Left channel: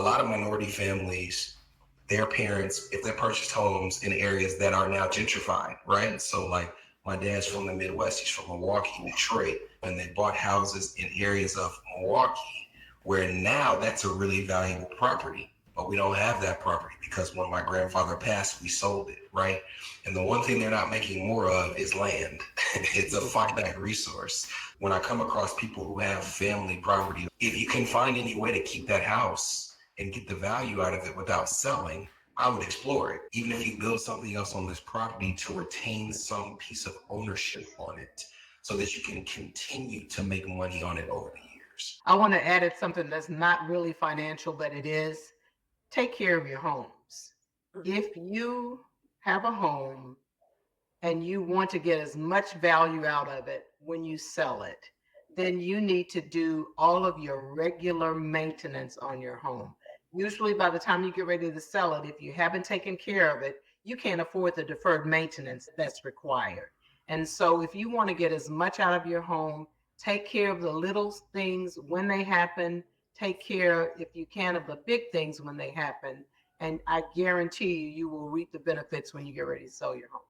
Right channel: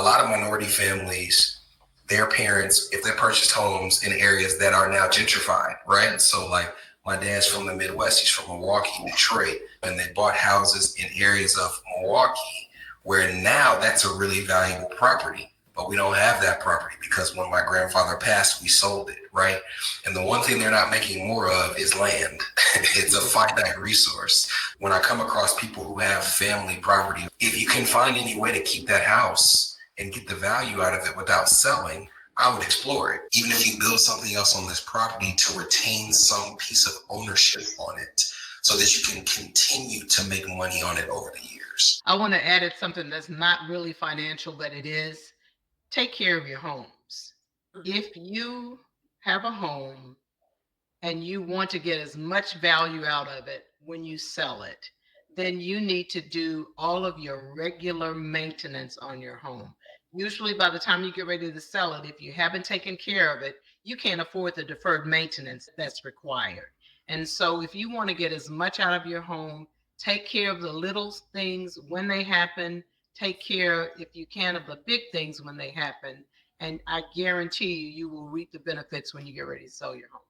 A lot of minority families, their parents, if they purchased homes in areas that are now gentrified, right? So like my dad's from the Midwest, he's from Milwaukee, Detroit, and they bought houses in areas of Milwaukee where now that's a really valuable property. But we don't have that property because when my grandfather passed, we sold it, right? And the one thing they're not making more of is land. It's a finite resource. When I come across people who have family property, if you can find any way to keep that house and get the value out of it without selling, I would explore it. Even if you build something else on this property to retain some piece of ownership on it so that you can continue to make money on it over the years. I want to add it something that's not really financial, but it is. Take care of your homes. If you have a home and you want to get as much value out of it when you sell it, then you need to do all of your regular maintenance on your home. Usually, by the time you get ready to sell it, if you haven't taken care of it, you can't afford the deferred maintenance that's required. And so, if you want to get as much out of your home, take care of the little things when they happen, take care, if you can, of the big things when they happen. And I guarantee you, you will reap the benefits when you get ready to sell your home.